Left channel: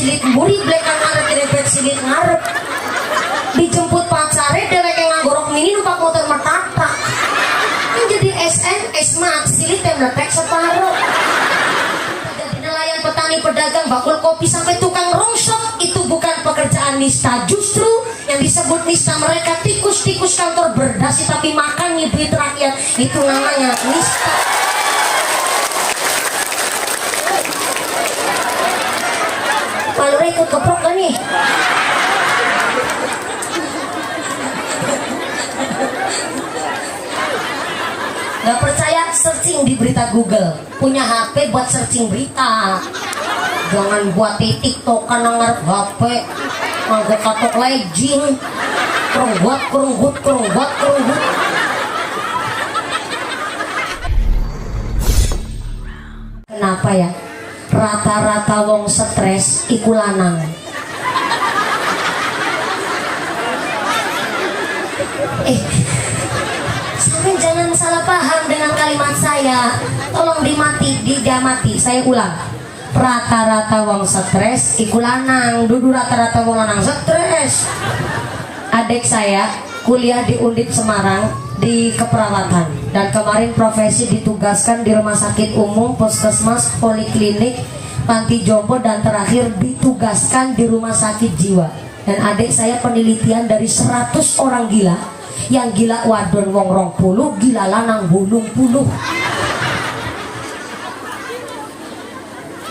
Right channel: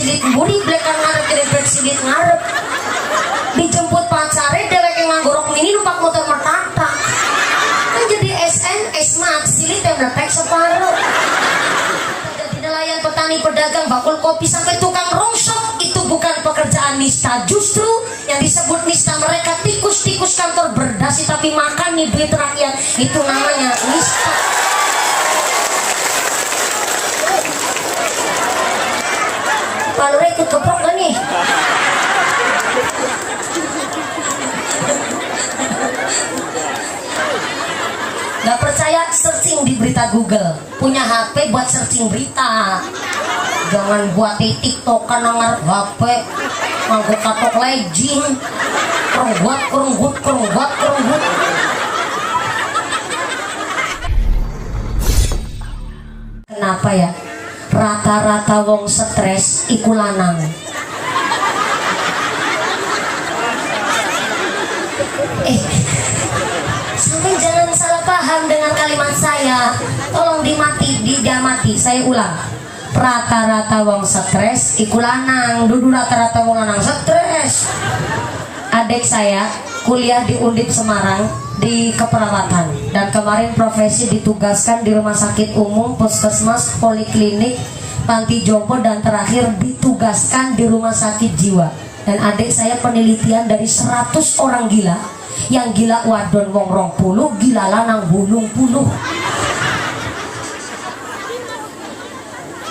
silit muri blekan ngarep dempet silit ngarep. Dijemput pacare dhewek nganggo rok mini numpak motor metata. Kan jadi SMS mak silit yang netek separuh. Jadi nelayan, petani, pedagang, bakul kopi sampai tukang rongsok itu bukan pekerjaan nista. Justru yang disebut nista mereka tikus-tikus kantor berdasi tapi makan nih duit rakyat, itu namanya nista. Kalau ikut keprok gak nih? Gak percaya, searching di berita Google. Punya HP buat searching berita. Jangan buat TikTok kan ngarep HP. Nganggo katok legging. Kerunggut. Kenapa ya? Rata-rata wong stres iku lanang. Sampai jangan salah paham dengan kalimat saya. Tolong dijamati. Saya ulang. Rata-rata wong stres iku lanang. Dudu rata-rata wong lanang stres. Adik saya kuliah di Undip Semarang di keperawatan, dan kemarin profesi ditugaskan di rumah sakit umum, puskesmas, poliklinik, panti jompo, dan terakhir ditugaskan di rumah sakit jiwa. Dan adik saya penelitian dari 100 orang gila. Yang gila wadon wong 20, gila lanang 80.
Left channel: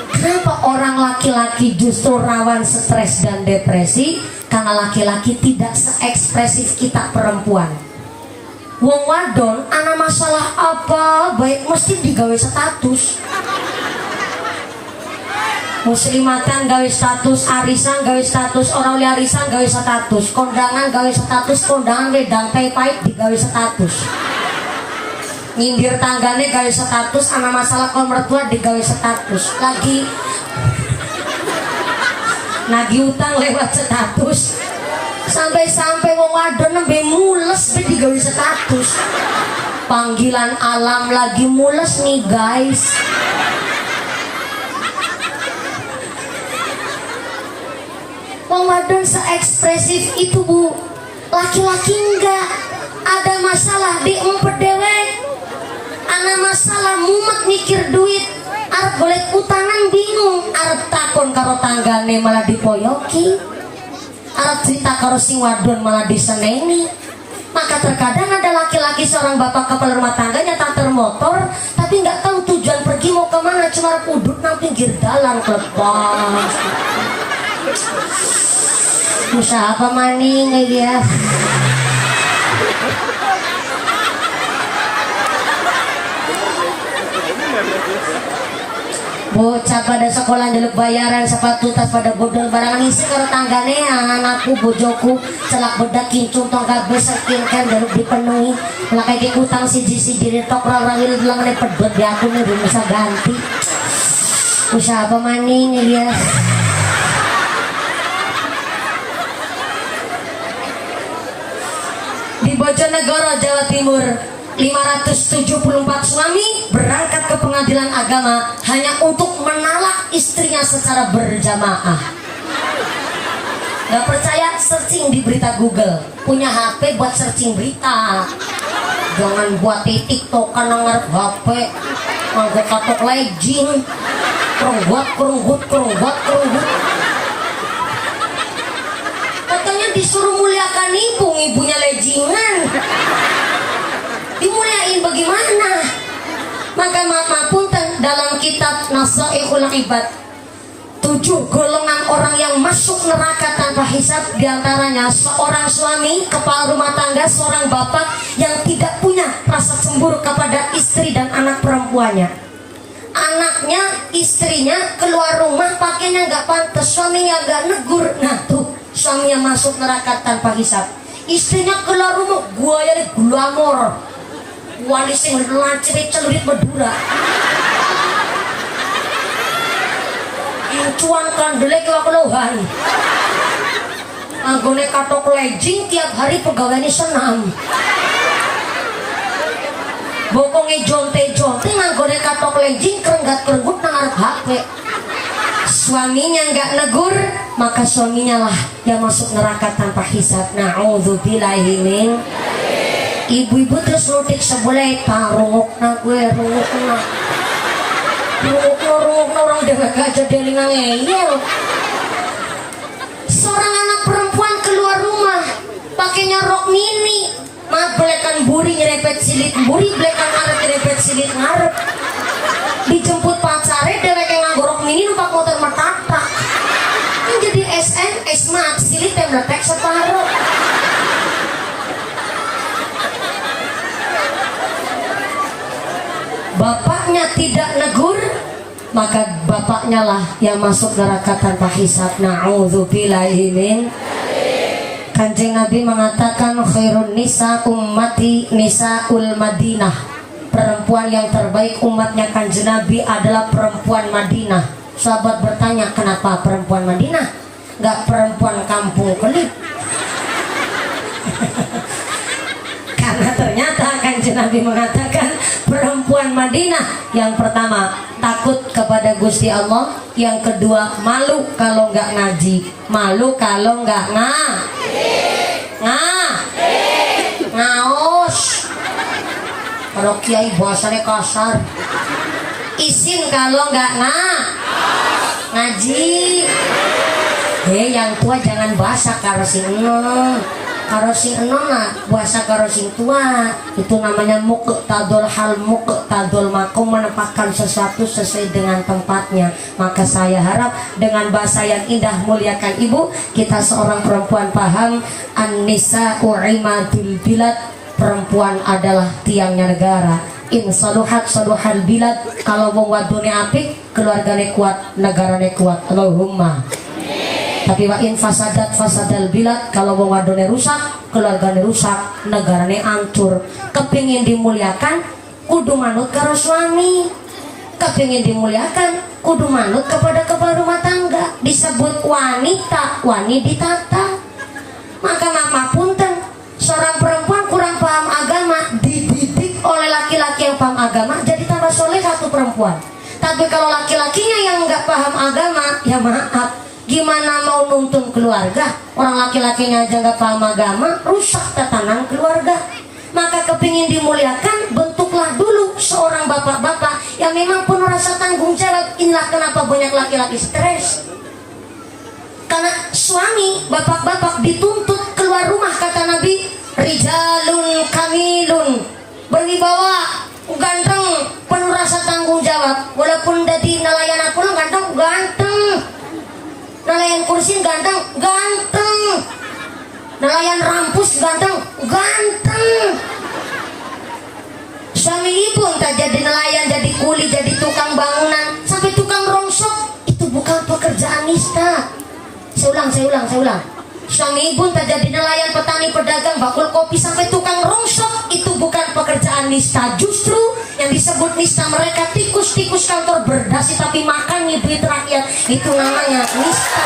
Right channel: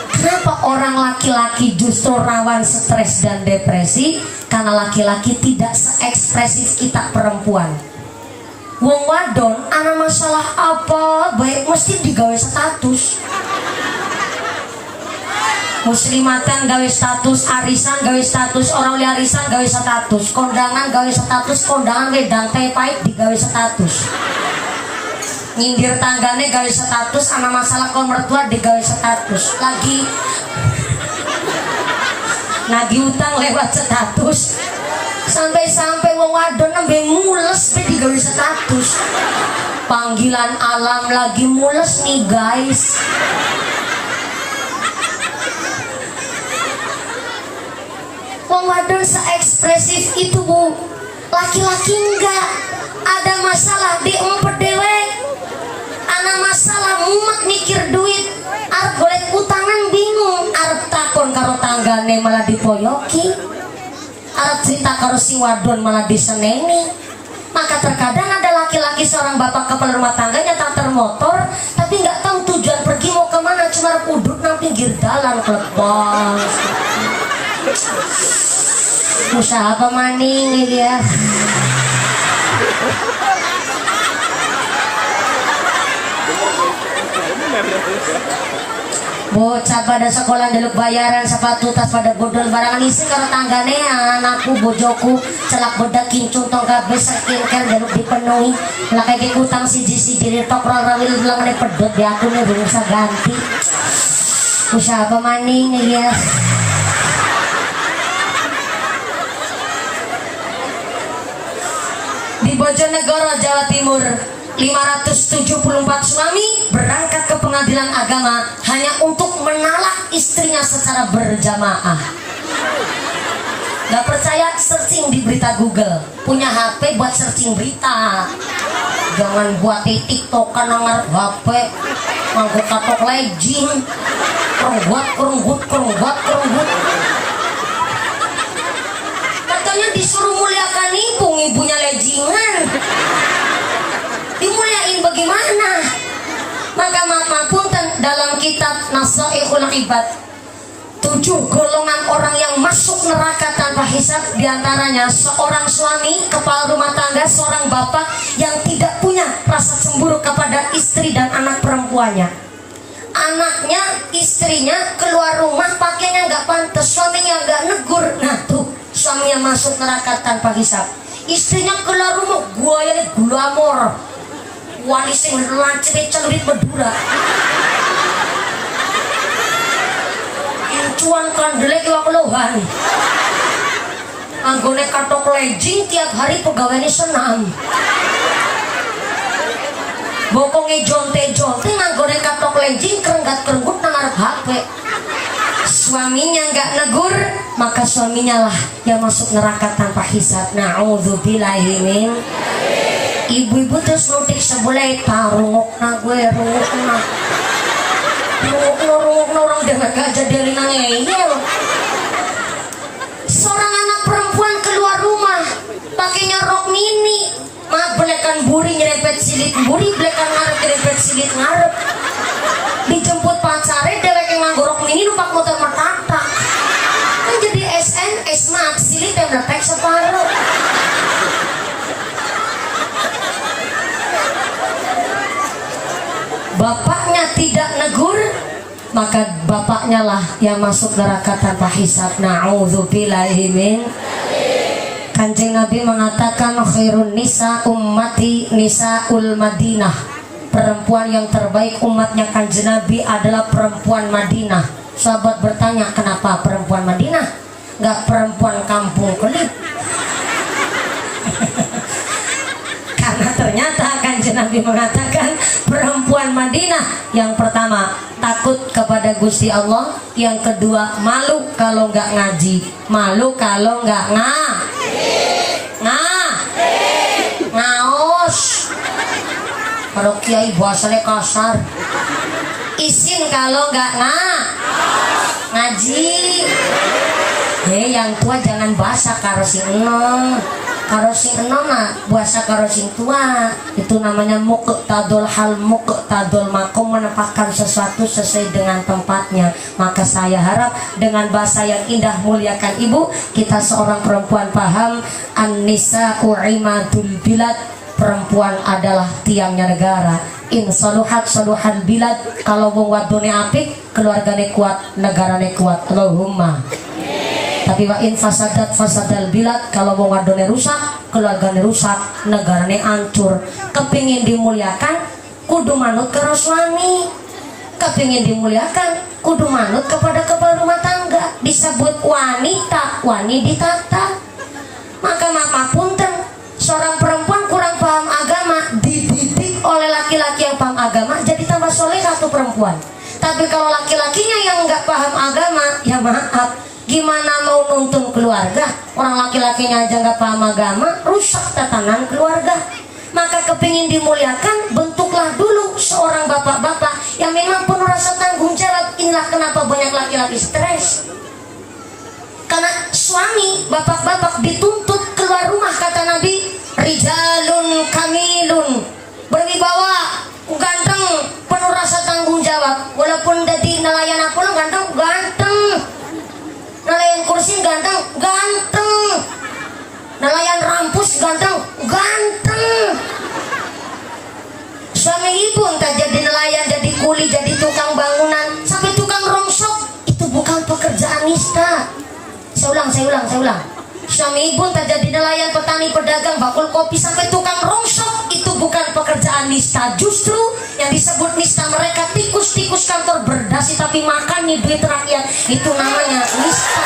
Kenapa orang laki-laki justru rawan stres dan depresi? Karena laki-laki tidak seekspresif kita perempuan. Wong wadon ana masalah apa baik mesti digawe status. Muslimatan gawe status, arisan gawe status, orang liya arisan gawe status, kondangan gawe status, kondangan wedang teh pahit digawe status. Nyindir tanggane gawe status, ana masalah ke mertua digawe status. Lagi utang lewat status. Sampai wong wadon nembe mules be digawe status. Panggilan alam lagi mules nih guys. Wong wadon seekspresif itu bu. Laki-laki enggak. Ada masalah diumpet dewek. Ana masalah mumet mikir duit. Arep golek utangan bingung. Arep takon karo tanggane malah dipoyoki. Arep cerita karo si wadon malah diseneni. Maka terkadang ada laki-laki seorang bapak kepala rumah tangga nyetak motor tapi nggak tahu tujuan pergi mau kemana, cuma udut nang pinggir dalan kelepas. Usaha apa maning ya? Bocah pada sekolah dulu bayaran sepatu tas pada bodol barang isi karo tanggane anakku bojoku celak bedak kincung tong kabeh skincare dulu dipenuhi lah kayak utang siji tok rawil bilang ane pedot di aku nih bisa ganti. Usaha apa maning ya? Di Bojonegoro, Jawa Timur, 574 suami berangkat ke pengadilan agama hanya untuk menalak istrinya secara berjamaah. Gak percaya, searching di berita Google. Punya HP buat searching berita. Jangan buat TikTok kan ngarep HP. Nganggo katok legging. Kerunggut. Katanya disuruh muliakan ibunya leggingan. Dimuliain bagaimana? Maka punten dalam kitab Nasaihul Ibad 7 golongan orang yang masuk neraka tanpa hisab, diantaranya seorang suami kepala rumah tangga, seorang bapak yang tidak punya rasa cemburu kepada istri dan anak perempuannya. Anaknya, istrinya keluar rumah pakainya nggak pantas, suaminya nggak negur, nah tuh suaminya masuk neraka tanpa hisab. Istrinya keluar rumah guayanya glamor, wali sing lancip celurit berdura. Incuan kandelek keluhan. Anggone katok legging tiap hari pegawai senam. Bokongi jonte-jonte anggone katok legging kerenggat-kerenggut nang arep HP. suaminya nggak negur, maka suaminya lah yang masuk neraka tanpa hisab. Na'udzubillahi min. Ibu-ibu terus nutik sebelah rungok na gue rungok orang dengan aja dari ngeyel. Seorang anak perempuan keluar rumah pakainya rok mini, blekan buri nyerempet silit buri, blekan arep nyerempet silit ngarep. Dijemput pacare dewek yang nganggo rok mini numpak motor mertata. Kan jadi SNS mah silit yang lepek separuh. Bapaknya tidak negur, maka bapaknya lah yang masuk neraka tanpa hisab. Na'udzubillahi min. Kanjeng Nabi mengatakan khairun nisa ummati nisaul Madinah. Perempuan yang terbaik umatnya Kanjeng Nabi adalah perempuan Madinah. Sahabat bertanya, kenapa perempuan Madinah? Enggak perempuan kampung Kelip. Karena ternyata Kanjeng Nabi mengatakan perempuan Madinah yang pertama takut kepada Gusti Allah, yang kedua malu kalau nggak ngaji, malu kalau nggak ngaos. Kalau kiai bahasanya kasar, isin kalau nggak ngaji. Yang tua jangan bahasa karo sing enom. Karo sing enom mah bahasa karo sing tua. Itu namanya muqtadul hal, muqtadul makom, menempatkan sesuatu sesuai dengan tempatnya. Maka saya harap dengan bahasa yang indah muliakan ibu, kita seorang perempuan paham an-nisa'u imadul bilad. Perempuan adalah tiangnya negara. In saluhat saluhal bilad. Kalau wong wadone apik, keluargane kuat, negarane kuat. Allahumma. Tapi wa in fasadat fasadal bilad. Kalau wong wadone rusak, keluargane rusak, negarane hancur. Kepingin dimuliakan, kudu manut karo suami. Kepingin dimuliakan, kudu manut kepada kepala rumah tangga. Disebut wanita, wani ditata. Maka punten, seorang perempuan kurang paham agama, dididik oleh laki-laki yang paham agama, jadi tambah soleh satu perempuan. Tapi kalau laki-lakinya yang nggak paham agama, ya maaf, gimana mau nuntun keluarga? Orang laki-lakinya aja nggak paham agama, rusak tatanan keluarga. Maka kepingin dimuliakan, bentuklah dulu seorang bapak-bapak yang memang penuh rasa tanggung jawab. Inilah kenapa banyak laki-laki stres. Karena suami, bapak-bapak dituntut keluar rumah, kata Nabi, rijalun kamilun, berwibawa, ganteng, penuh rasa tanggung jawab. Walaupun jadi nelayan apa ganteng, nelayan kursi ganteng, nelayan rampus ganteng. Suami ibu entah jadi nelayan, jadi kuli, jadi tukang bangunan, sampai tukang rongsok, itu bukan pekerjaan nista. Saya ulang. Suami ibu entah jadi nelayan, petani, pedagang, bakul kopi, sampai tukang rongsok, itu bukan pekerjaan nista. Justru yang disebut nista mereka tikus-tikus kantor berdasi tapi makan nih duit rakyat, itu namanya nista.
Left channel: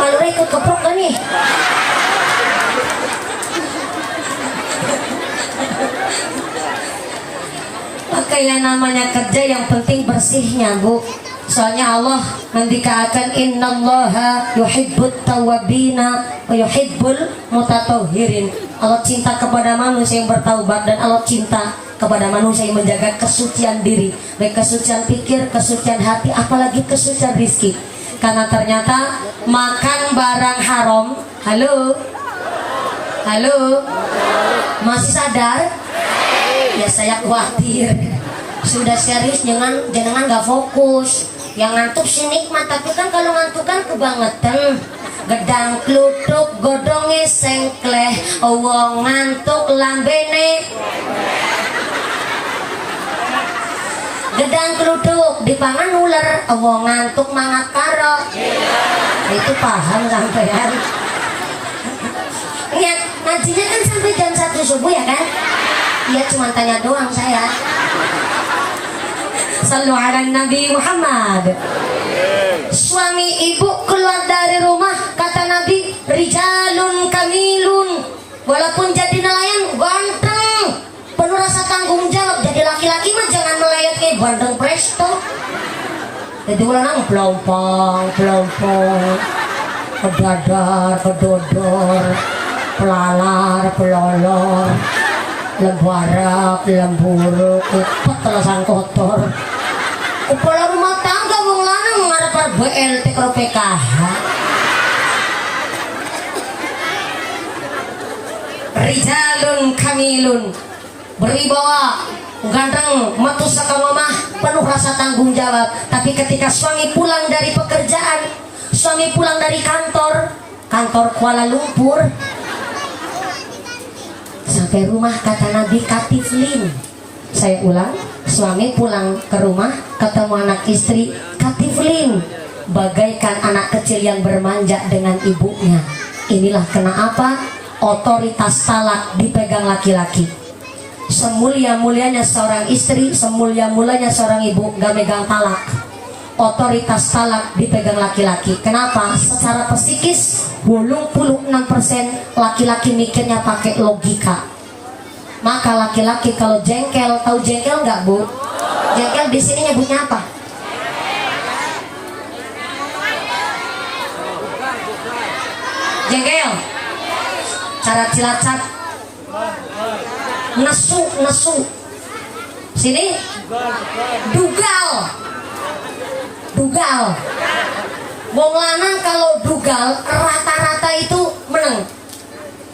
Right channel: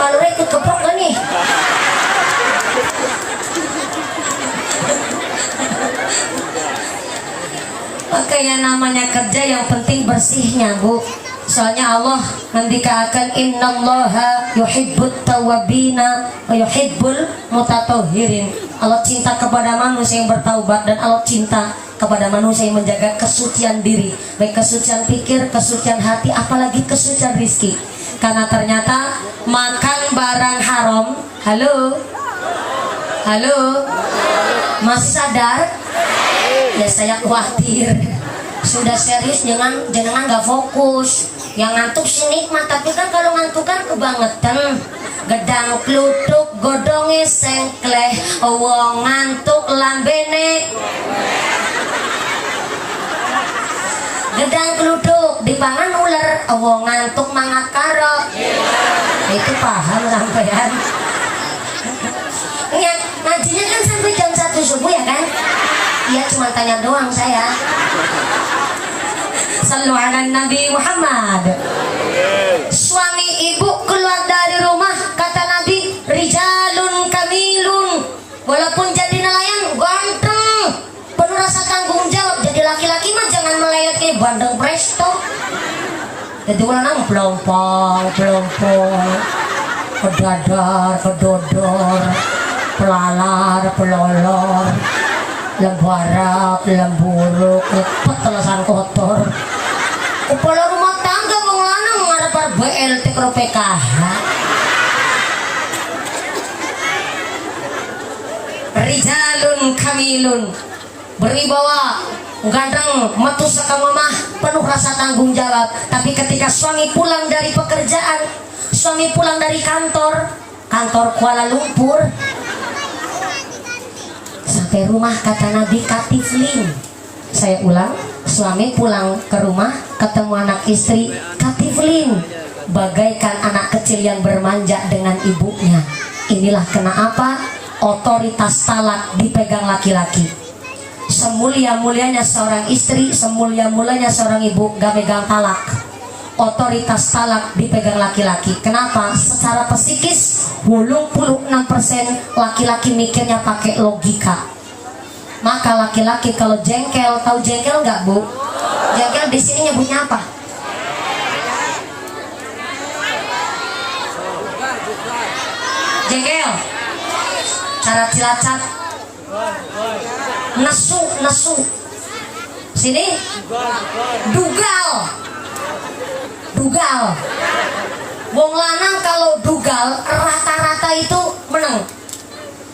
Kalau ikut keprok kan nih? Makanya namanya kerja yang penting bersihnya, Bu. Soalnya Allah ngendikakan innallaha yuhibbut tawwabina wa yuhibbul mutatahhirin. Allah cinta kepada manusia yang bertaubat, dan Allah cinta kepada manusia yang menjaga kesucian diri, baik kesucian pikir, kesucian hati, apalagi kesucian rizki. Karena ternyata makan barang haram, halo, masih sadar? Ya saya khawatir. Sudah serius, jangan nggak fokus. Yang ngantuk sih nikmat, tapi kan kalau ngantuk kan kebangetan. Gedang kluthuk godonge sengkleh, wong ngantuk lambene. Gedang kluthuk dipangan ular, wong ngantuk mangat karo. Itu paham sampean? Ya, ngajinya kan sampai jam 1 subuh ya kan? Iya, cuma tanya doang saya. Sallu ala Nabi Muhammad. Suami ibu keluar dari rumah, kata Nabi, rijalun kamilun. Walaupun jadi nelayan ganteng, penuh rasa tanggung jawab. Jadi laki-laki mah jangan Jadi lanang blompong kedadar kedodor pelalar pelolor lembarak lemburuk lepet telesan kotor kepala rumah tangga wong lanang ngarep BLT karo PKH rijalun kamilun berwibawa ganteng metu saka mamah penuh rasa tanggung jawab. Tapi ketika suami pulang dari pekerjaan, suami pulang dari kantor Kuala Lumpur, sampai rumah kata Nabi katiflin. Saya ulang, suami pulang ke rumah ketemu anak istri katiflin, bagaikan anak kecil yang bermanja dengan ibunya. Inilah kenapa otoritas talak dipegang laki-laki. Semulia-mulianya seorang istri, semulia-mulianya seorang ibu gak megang talak. Otoritas talak dipegang laki-laki. Kenapa? Secara psikis 86% laki-laki mikirnya pakai logika. Maka laki-laki kalau jengkel, tahu jengkel nggak Bu? Jengkel di sini nyebutnya apa? Jengkel. Cara Cilacap nesu sini dugal wong lanang kalau dugal rata-rata itu menang.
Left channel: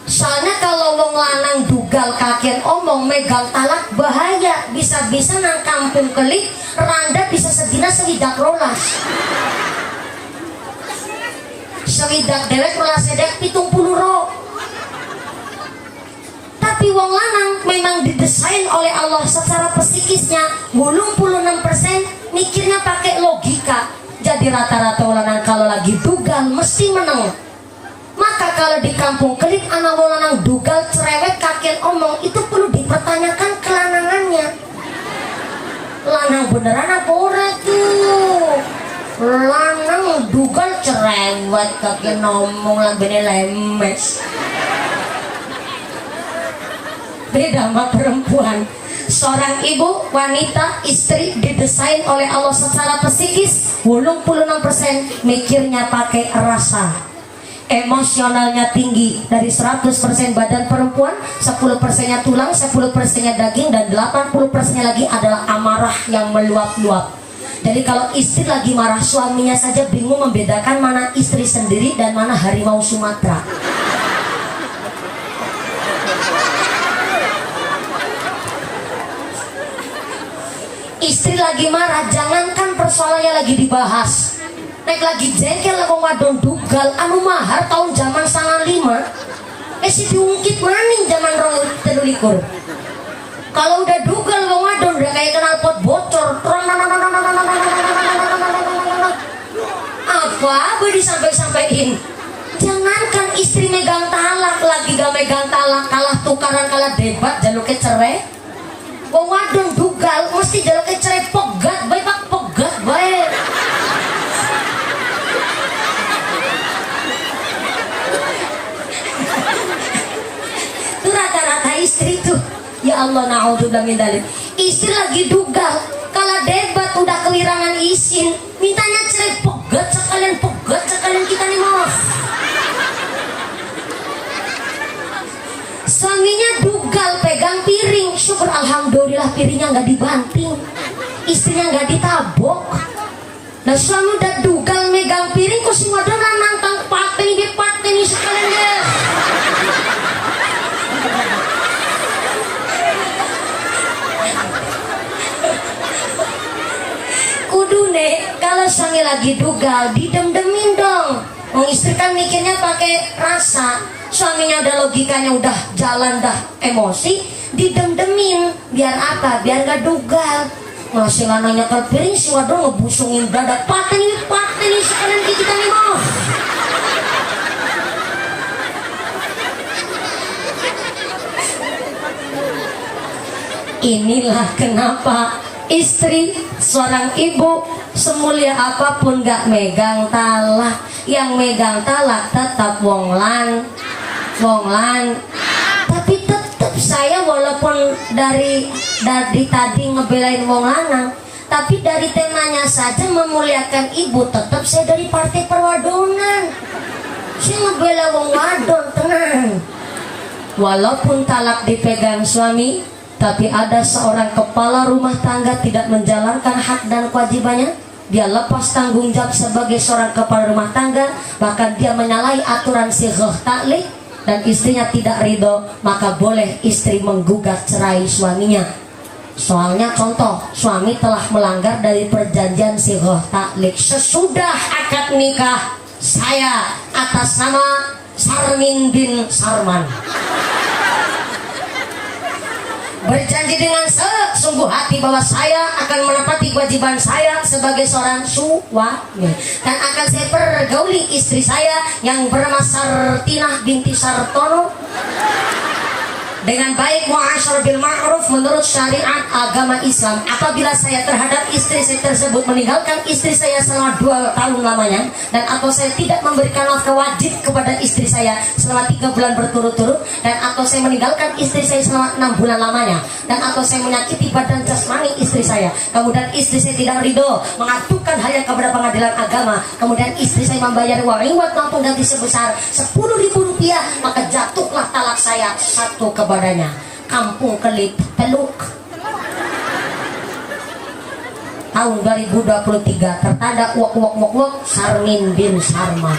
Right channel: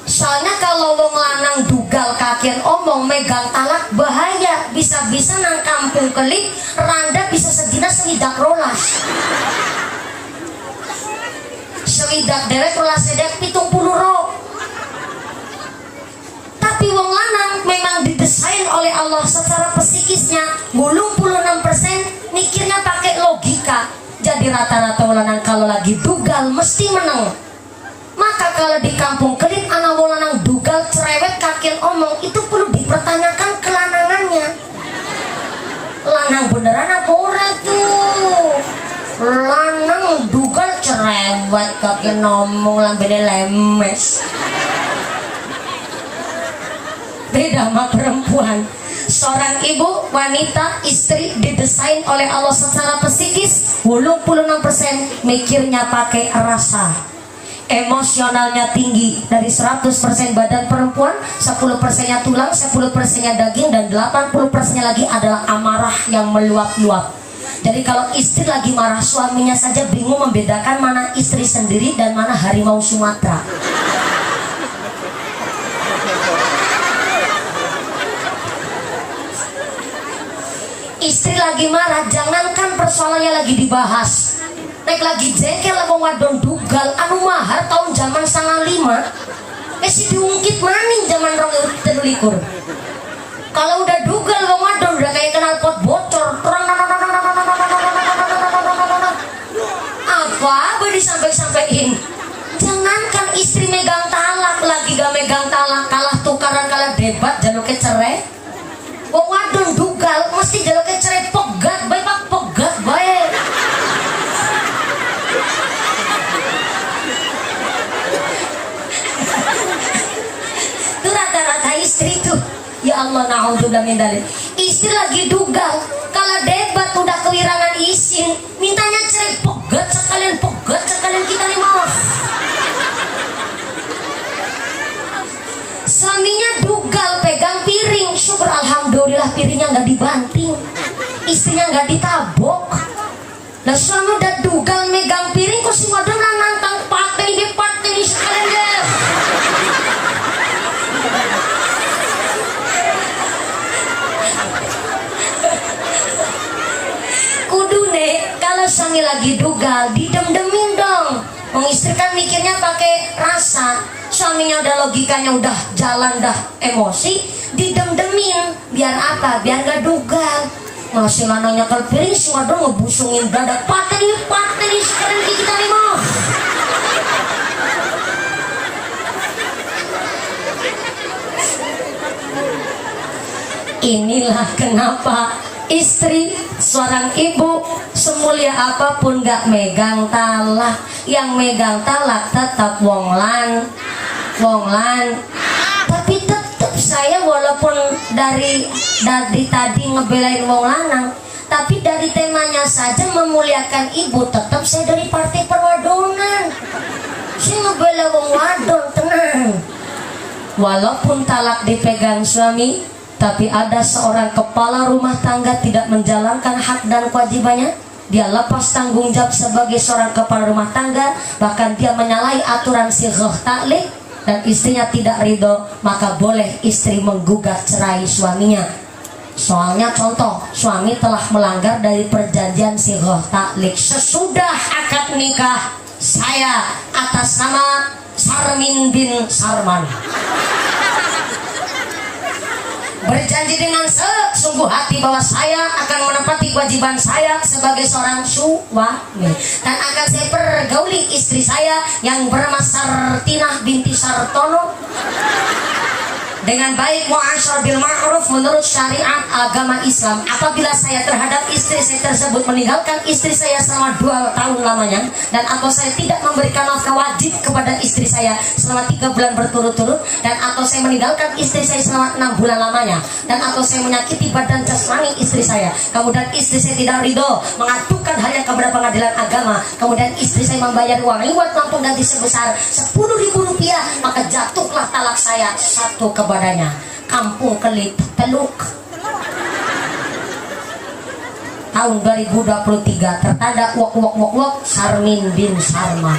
Soalnya kalau wong lanang dugal kakian omong megang talak bahaya, bisa-bisa nang kampung kelik randa bisa sedina sewidak rolas sewidak dewek rolas sedek 70 ro. Tapi wong lanang memang didesain oleh Allah secara psikisnya 86% mikirnya pakai logika. Jadi rata-rata wong lanang kalau lagi dugal mesti menang. Maka kalau di kampung kelik anak wong lanang dugal cerewet kakian omong itu perlu dipertanyakan kelanangannya. Lanang beneran apa ora tuh? Lanang dugal cerewet kakian omong lambene lemes. Beda sama perempuan. Seorang ibu, wanita, istri didesain oleh Allah secara psikis 86% mikirnya pakai rasa. Emosionalnya tinggi. Dari 100% badan perempuan 10%-nya tulang, 10%-nya daging, dan 80%-nya lagi adalah amarah yang meluap-luap. Jadi kalau istri lagi marah, suaminya saja bingung membedakan mana istri sendiri dan mana harimau Sumatera. Istri lagi marah, jangankan persoalannya lagi dibahas, nek lagi jengkel wong wadon dugal anu mahar tahun zaman 95 si diungkit maning zaman 2023. Kalau udah dugal wong wadon udah kayak kenal pot bocor apa disampai-sampaiin. Jangankan istri megang talak, lagi gak megang talak, kalah tukaran, kalah debat, jaluknya cerai. Wong wadon dugal mesti jaluknya cerai pegat bae pak, pegat bae. Itu rata-rata istri tuh. Ya Allah, na'udzubillah min dzalik. Istri lagi dugal, kalau debat udah kewirangan isin, mintanya cerai pegat sekalian kita nih mau. Suaminya dugal pegang piring, syukur alhamdulillah piringnya nggak dibanting, istrinya nggak ditabok. Nah suami udah dugal megang piring, kok si modal nantang paten ini sekalian guys. Kudu nih kalau suami lagi dugal didem-demin dong. Istri kan mikirnya pakai rasa, suaminya udah logikanya udah jalan dah emosi, didem-demin biar apa? Biar gak dugal. Masih mana nyekel piring, si waduh ngebusungin dada paten ini sekalian kita nih mau. Inilah kenapa istri, seorang ibu, semulia apapun gak megang talak. Yang megang talak tetap wonglan. Tapi tetap saya walaupun dari tadi ngebelain wong lanang, Tapi dari temanya saja memuliakan ibu, tetap saya dari partai perwadonan. Saya ngebela wong wadon, tenang. Walaupun talak dipegang suami, tapi ada seorang kepala rumah tangga tidak menjalankan hak dan kewajibannya. Dia lepas tanggung jawab sebagai seorang kepala rumah tangga, bahkan dia menyalahi aturan sighah ta'liq, dan istrinya tidak ridho, maka boleh istri menggugat cerai suaminya. Soalnya contoh, suami telah melanggar dari perjanjian sighah ta'liq. Sesudah akad nikah saya atas nama Sarmin bin Sarman berjanji dengan sesungguh hati bahwa saya akan menepati kewajiban saya sebagai seorang suami, dan akan saya pergauli istri saya yang bernama Sartinah binti Sartono dengan baik, mu'asyar bil ma'ruf menurut syariat agama Islam. Apabila saya terhadap istri saya tersebut meninggalkan istri saya selama 2 tahun lamanya, dan atau saya tidak memberikan nafkah wajib kepada istri saya selama 3 bulan berturut-turut, dan atau saya meninggalkan istri saya selama 6 bulan lamanya, dan atau saya menyakiti badan jasmani istri saya, kemudian istri saya tidak ridho, mengadukan hanya kepada pengadilan agama, kemudian istri saya membayar uang reward maupun ganti sebesar 10.000 rupiah, maka jatuhlah talak saya satu kepadanya. Kampung Kelip Teluk, tahun 2023, tertanda wok Sarmin bin Sarman.